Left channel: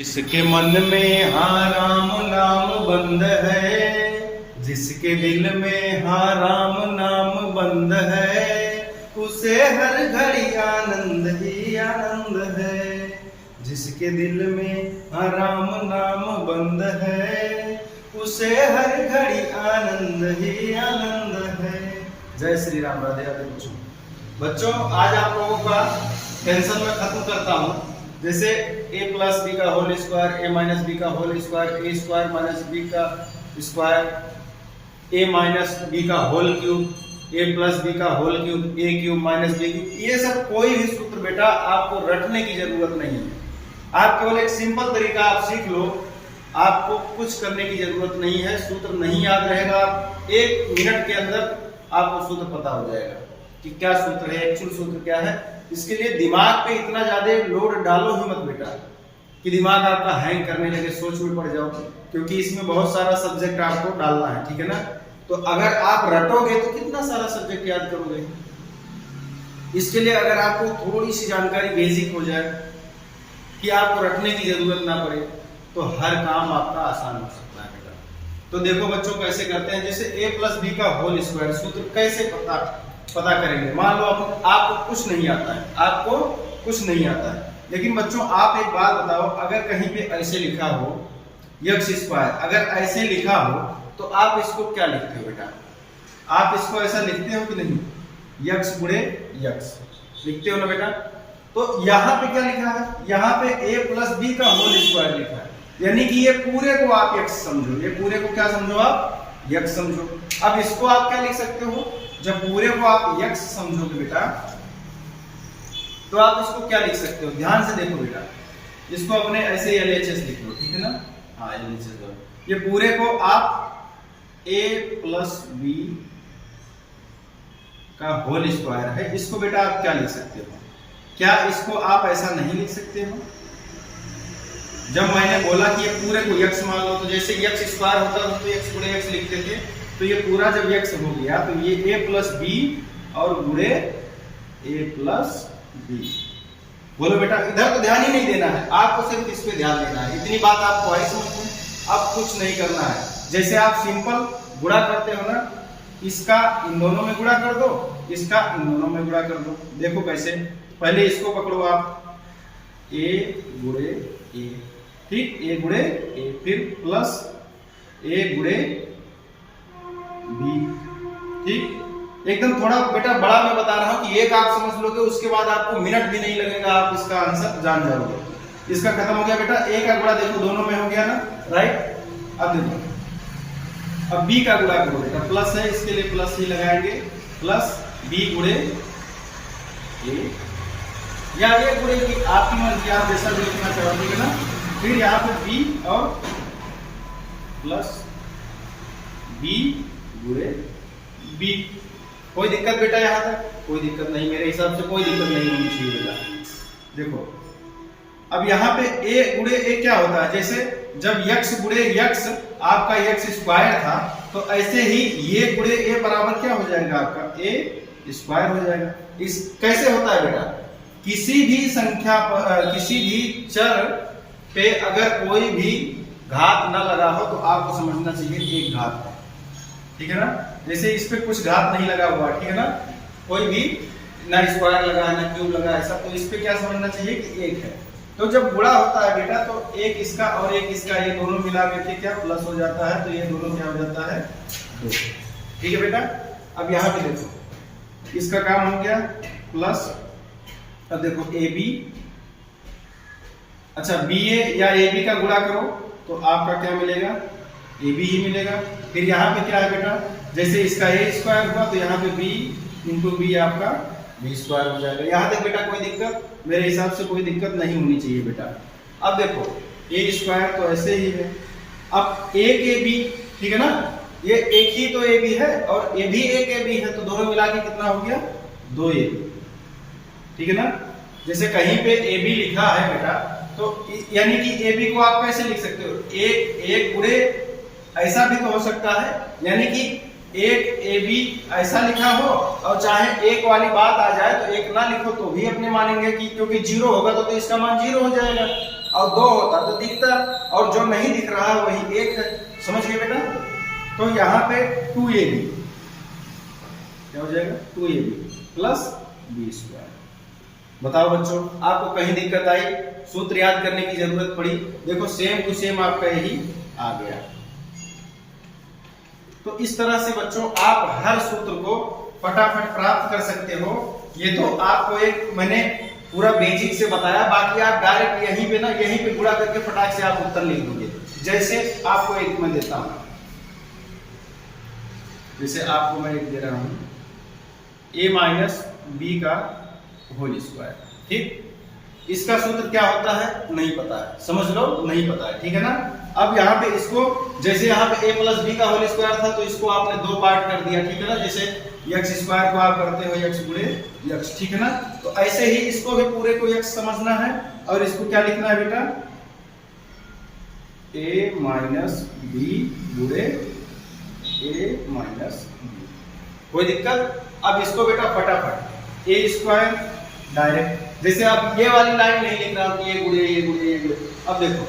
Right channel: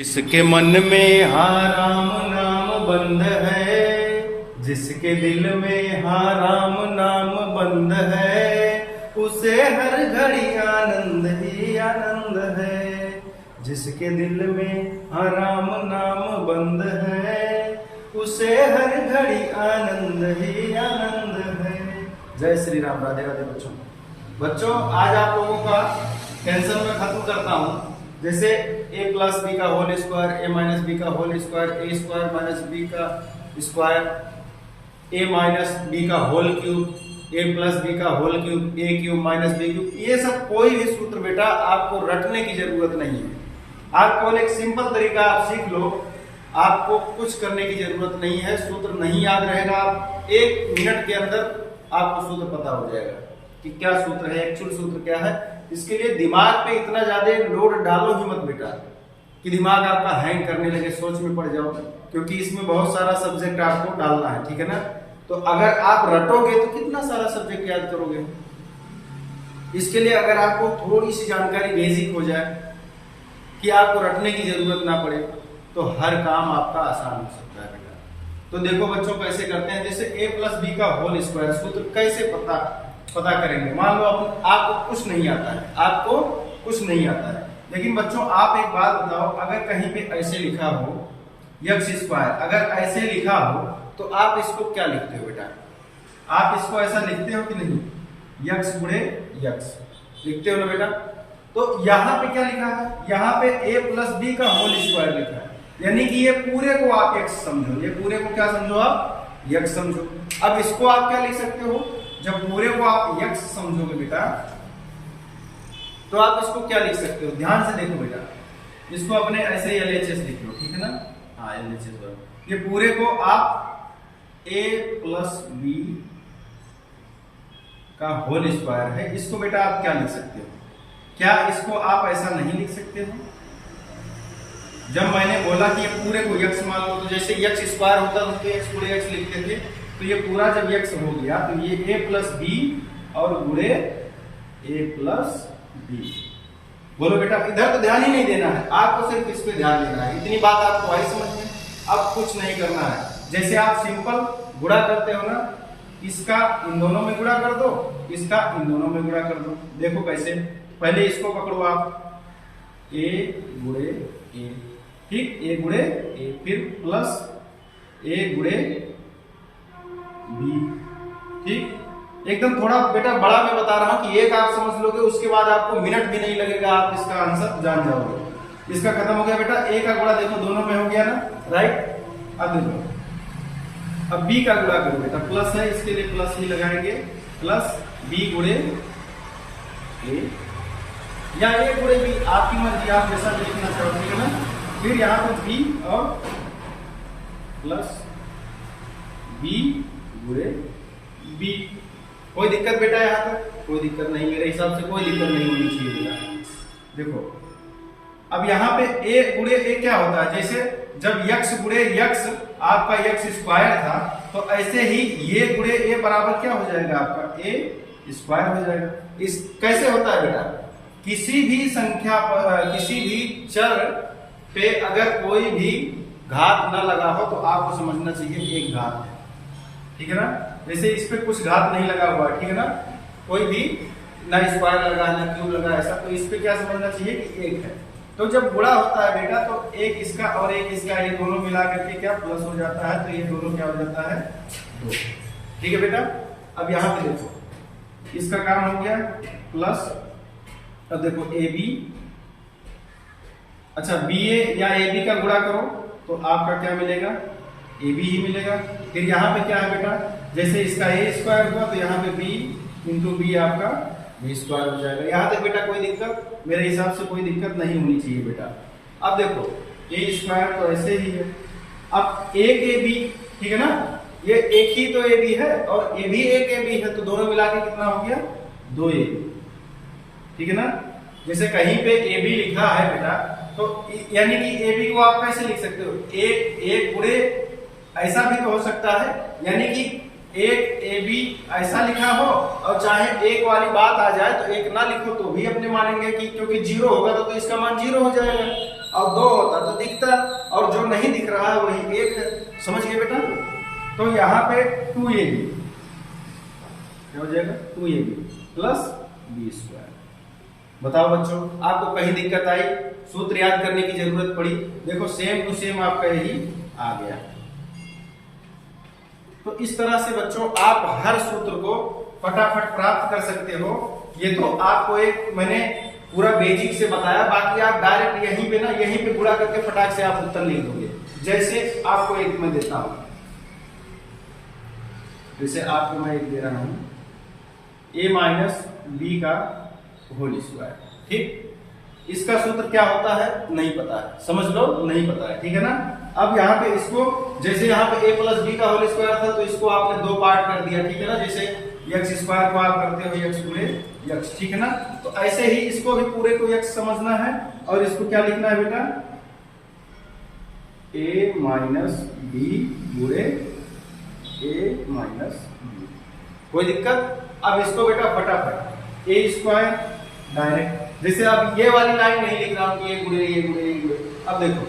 जिसके मन में हाँ राम नाम बंद है, जिसके दिल में हाँ राम नाम बंद है, उसे हर घड़ी आनंद ही आनंद है। जिसके दिल में हाँ राम नाम बंद है, उसे हर घड़ी आनंद ही आनंद है। जय श्री राम। राधे राधे बच्चों। बच्चों आज आप लोगों का टेंशन में खत्म करता हूँ। जैसे a प्लस बी का whole square, a minus B का whole square, a square minus B का स्क्वायर, a माइनस बी का whole cube, a plus B का whole cube, a cube minus B cube, ये सब कोई भी सूत्र बेटा आपको रटने की जरूरत नहीं है। आप केवल एक सिंपल तरीका आप सीख लो, आपको कुछ करने की जरूरत नहीं है। सूत्र नहीं याद रहेगा, एक मिनट के अंदर आपको सूत्र पता हो जाएगा कि क्या सूत्र है, एक्चुअल सूत्र क्या है। इसके लिए दिमाग पे इतना ज्यादा लोड डालो ही मत बेटा कि दिमाग आपका हैंग करने लगे, सोच में पड़ जाओ, क्योंकि इसमें बहुत सारा सब्जेक्ट आपको डालना है, ठीक है ना। तो अगर आप रटोगे तो कितना सारा सब्जेक्ट याद करोगे। इसके लिए अगर आपको थोड़ी सी जानकारी बेसिक हो जाए कि आपको रटने की जरूरत ना पड़े, तो हर काम आपका आसान हो सकता है बेटा। तो देखो बच्चों कैसे करते हैं। जैसे a प्लस बी का होल स्क्वायर सूत्र कैसे पता करेंगे। मान लो आपको कुछ नहीं आता है, आपको कुछ नहीं आता है, लेकिन बच्चों आप एक बात बताओ, अगर कहीं पे ऐसे लिखा हो यक्स स्क्वायर, अगर ऐसे लिखा हो तो आप इसको क्या लिखते हो बेटा? आप इसको ऐसा लिखते हो कि नहीं? यक्स गुणे यक्स लिखते हो ना बेटा। तो यहाँ पे क्या लिखा है? यहाँ पे a प्लस बी का होल स्क्वायर लिखा है, यानी कि ये पूरे को आप यक्स समझो, ये पूरे को क्या समझो? आप यक्स समझो। अब इसको आप क्या लिख सकते हो? जब पूरे को आप यक्स समझोगे बेटा, तो आप इसको क्या लिख सकते हो? ध्यान से देखो बेटा, इसको अपने ऐसे एलएचएस लिख लो, ठीक है ना। हाँ एलएचएस। ये पूरे को आप a प्लस बी का होल स्क्वायर है, इसको बेटा आप क्या लिख सकते हो? क्या इसको आप ऐसा नहीं लिख सकते हो? जब मैंने बोला कि ये पूरे को यक्स मान लो, तो जैसे यक्स स्क्वायर होता है तो यक्स गुणे यक्स लिखते थे, तो ये पूरा जब यक्स हो गया तो ये a प्लस बी और गुणे a प्लस बी। बोलो बेटा, इधर तो ध्यान ही नहीं देना है, आपको सिर्फ इस पे ध्यान देना है। इतनी बात आपको आई समझ में? अब कुछ नहीं करना है। जैसे आप सिंपल गुणा करते हो ना, इसका इन दोनों में गुणा कर दो, इसका इन दोनों में गुणा कर दो। देखो कैसे। पहले इसको पकड़ो आप, a गुणे a, ठीक, a गुणे a, फिर प्लस a गुणे b, ठीक। एकदम थोड़ा बेटा बड़ा मैं बता रहा हूं कि एक आप समझ लोगे, उसके बाद आपको मिनट भी नहीं लगेगा, आप इसका आंसर जान जाओगे। इसका खत्म हो गया बेटा। a का गुणा देखो दोनों में हो गया ना, राइट। अब देखो, अब b का गुणा करो बेटा, प्लस है इसके लिए प्लस ही लगाएंगे, प्लस b गुणे a या a गुणे b, आपकी मर्जी, आप जैसा देखना चाहते हो ना। फिर यहाँ पे b और प्लस b गुणे b। कोई दिक्कत बेटा? यहाँ तक कोई दिक्कत नहीं, मेरे हिसाब से कोई दिक्कत नहीं होनी चाहिए बेटा। देखो अब यहाँ पे a गुणे a क्या होता है? जैसे जब यक्स गुणे यक्स आपका यक्स स्क्वायर था, तो ऐसे ही ये गुणे a बराबर क्या हो जाएगा? आपका a स्क्वायर हो जाएगा। इस कैसे होता है बेटा? किसी भी संख्या पर, किसी भी चर पे अगर कोई भी घात ना लगा हो तो आपको समझना चाहिए एक घात है, ठीक है ना। जैसे इस पे कुछ घात नहीं लगा हुआ, ठीक है ना, कोई भी ना स्क्वायर लगा है ना क्यूब लगा ऐसा, तो इस पे क्या समझना चाहिए कि एक है। तो जब गुणा होता है बेटा, तो एक इसका और एक इसका, ये दोनों मिला करके क्या प्लस हो जाता है, तो ये दोनों क्या हो जाता है? 2, ठीक है बेटा। अब यहाँ पे देखो, इसका काम हो गया प्लस। अब देखो ए बी, अच्छा बी ए या ए बी का गुणा करो तो आपका क्या मिलेगा? ए बी ही मिलेगा। फिर यहाँ पे क्या है बेटा? जैसे इसका ए स्क्वायर हुआ तो यहाँ पे बी इंटू बी आपका बी स्क्वायर हो जाएगा। यहाँ तक बेटा कोई दिक्कत? मेरे हिसाब से कोई दिक्कत नहीं होनी चाहिए बेटा। अब देखो ए स्क्वायर तो ऐसे ही है, अब एक ए बी, ठीक है ना, ये एक ही तो ए बी है और ये भी एक ए बी है, तो दोनों मिला के कितना हो गया? 2 ए बी, ठीक है ना। जैसे कहीं पे ए बी लिखा है बेटा, तो यानी कि ए बी को आप कैसे लिख सकते हो? एक गुणे ऐसा भी तो हो सकता है, यानी कि एक ए बी ऐसा लिखा हो और चाहे एक वाली बात आ जाए तो एक ना लिखो तो भी अपने मानेंगे कि क्योंकि 0 होगा तो इसका मान 0 हो जाएगा, और 2 होता तो दिख नहीं दिख रहा वही एक है, समझ गए बेटा। तो यहाँ पे 2ab क्या हो जाएगा, 2ab प्लस b स्क्वायर। बताओ बच्चों, आपको कहीं दिक्कत आई, सूत्र याद करने की जरूरत पड़ी? देखो सेम टू सेम आपका यही आ गया। तो इस तरह से बच्चों आप हर सूत्र को फटाफट प्राप्त कर सकते हो। ये तो आपको एक मैंने पूरा बेसिक से बताया, बाकी आप डायरेक्ट यहीं पे ना, यहीं पे गुणा करके फटाक से आप उत्तर लिख दोगे। जैसे आपको एक मैं देता हूं, जैसे आपको मैं एक दे रहा हूं a माइनस बी का होल स्क्वायर, ठीक। इसका सूत्र क्या होता है नहीं पता है, समझ लो नहीं पता है, ठीक है ना। अब यहाँ पे इसको, जैसे यहाँ पे a प्लस बी का होल स्क्वायर था तो इसको आपने दो पार्ट कर दिया, ठीक है ना। जैसे x स्क्वायर को आप करते हो x गुणे x, ठीक है ना। तो ऐसे ही इसको भी पूरे को x समझना है और इसको क्या लिखना है बेटा, a माइनस बी गुणे a माइनस बी। कोई दिक्कत? अब इसको बेटा फटाफट a स्क्वायर डायरेक्ट, जैसे अब ये वाली लाइन नहीं लिख रहा हूं कि ये गुणे ये गुणे ये गुणे। अब देखो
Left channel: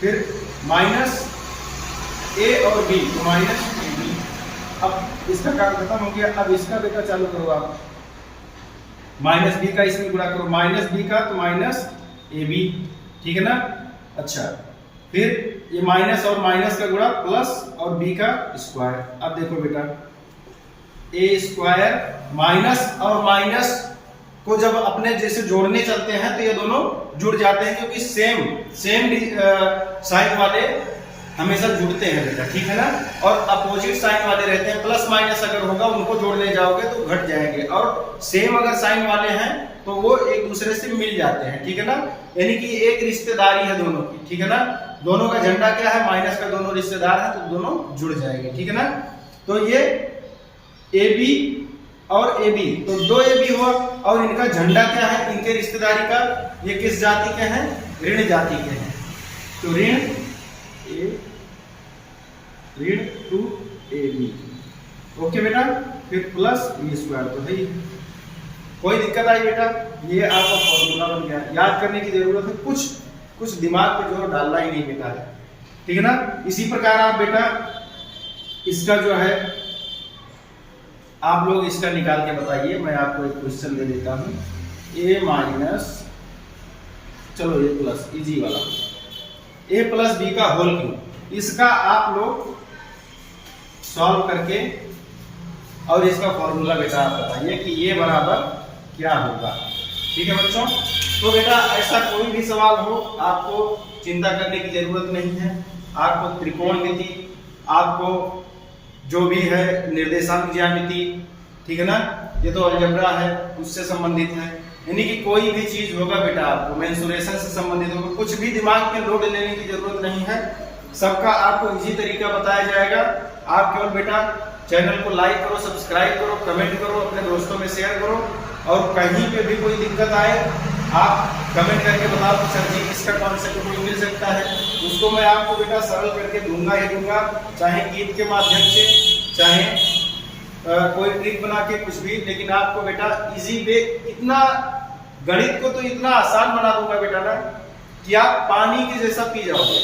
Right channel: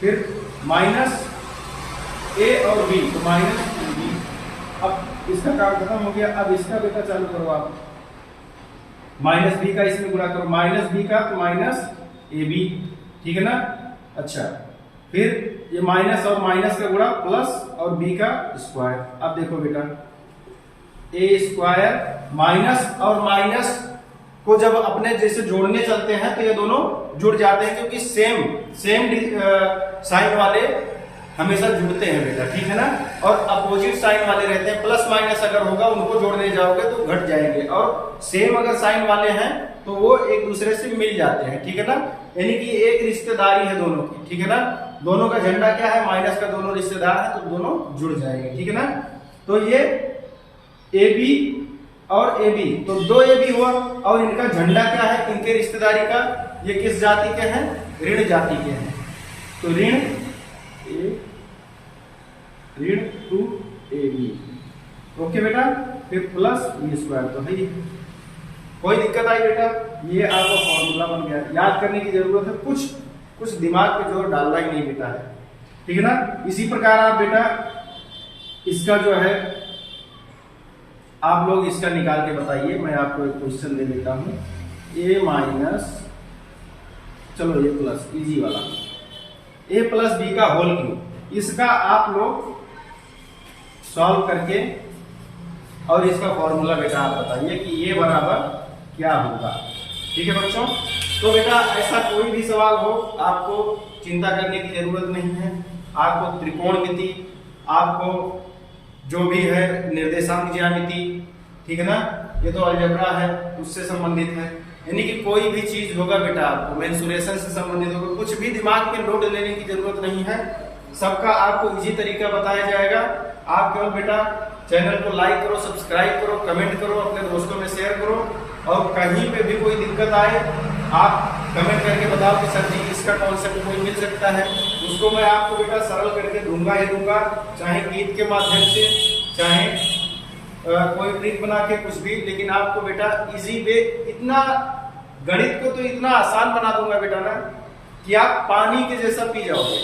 फिर माइनस a और b, तो माइनस b। अब इसका काम खत्म हो गया। अब इसका बेटा चालू करो आप, माइनस b का इसमें गुणा करो, माइनस b का तो माइनस ab, ठीक है ना। अच्छा, फिर ये माइनस और माइनस का गुणा प्लस और b का स्क्वायर। अब देखो बेटा a स्क्वायर माइनस और माइनस को जब अपने जैसे जोड़ने चलते हैं तो ये दोनों जुड़ जाते हैं, क्योंकि सेम साइन वाले हमेशा जुड़ते हैं बेटा, ठीक है ना। और अपोजिट साइन वाले रहते हैं, प्लस माइनस अगर होगा उनको जोड़ने जाओगे तो घट जाएंगे, और सेम अगर साइन वाले हैं तो वो एक दूसरे से मिल जाते हैं, ठीक है ना। यानी कि एक रिश्तेदारी है दोनों की, ठीक है ना। दोनों का झंडा क्या है, माइनस का, दोनों रिश्तेदार है तो दोनों जुड़ जाएंगे, ठीक है ना। तो ये ए बी और ए बी, तो दो ए बी हुआ, और इनका झंडा क्या है, इनके रिश्तेदारी का, ये किस जाति के हैं, ऋण जाति के हैं। तो ऋण ए ऋण टू ए बी, ओके बेटा। फिर प्लस बी स्क्वायर, तो है कोई दिक्कत आई बेटा? ये आपका फॉर्मूला बन गया, याद करने की जरूरत है, कुछ दिमाग पे जोर डालना ही नहीं बेटा है, ठीक है ना। इसी प्रकार आप बेटा इसका जो है आप लोग इसका निकाल के बताइए। मैं आपको एक क्वेश्चन दे देता हूं, a माइनस, चलो ये प्लस, इजी वाला, a प्लस बी का होल क्यूब, इसका आप लोग सॉल्व करके और इसका फॉर्मूला बेटा आप बताइए कि ये बराबर क्या होगा, ठीक है बच्चों। तो बेटा ऐसा कोई भी सवाल हो आपको चिंता करने की जरूरत नहीं है। आपको त्रिकोणमिति, आपको जो भी है निर्देशांक ज्यामिति, ठीक है ना, ये तो अलजेब्रा है उससे संबंधित है। यानी कि कोई भी चीज होगा बेटा आपको मेंसुरेशन से संबंधित होगा, कुछ भी दिमाग में लोड लेने की जरूरत नहीं है, सबका आपको इजी तरीका बताया जाएगा। आप केवल बेटा चैनल को लाइक करो, सब्सक्राइब करो, कमेंट करो, अपने दोस्तों में शेयर करो, और कहीं पे भी कोई दिक्कत आए आप कमेंट करके बताओ कि सर जी इसका कॉन्सेप्ट कोई मिल सकता है, उसको मैं आपको बेटा सरल करके दूंगा ही दूंगा, चाहे गीत के माध्यम से, चाहे कोई ट्रिक बना के, कुछ भी, लेकिन आपको बेटा इजी वे, इतना गणित को तो इतना आसान बना दूंगा बेटा ना कि आप पानी के जैसा पी जाओगे।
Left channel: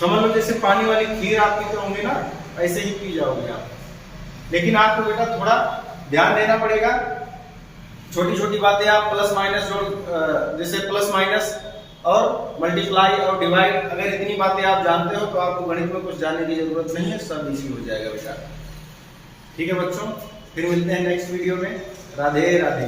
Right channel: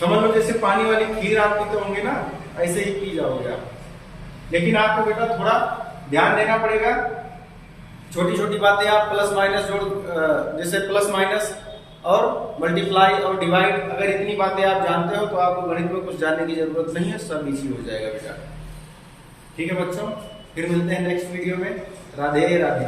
समझ लो जैसे पानी वाली खीर आप पीते होंगे ना, ऐसे ही पी जाओगे आप। लेकिन आपको बेटा थोड़ा ध्यान देना पड़ेगा, छोटी छोटी बातें आप प्लस माइनस जोड़, जैसे प्लस माइनस और मल्टीप्लाई और डिवाइड, अगर इतनी बातें आप जानते हो तो आपको गणित में कुछ जानने की जरूरत नहीं है, सब इजी हो जाएगा बेटा, ठीक है बच्चों। फिर मिलते हैं नेक्स्ट वीडियो में। राधे राधे।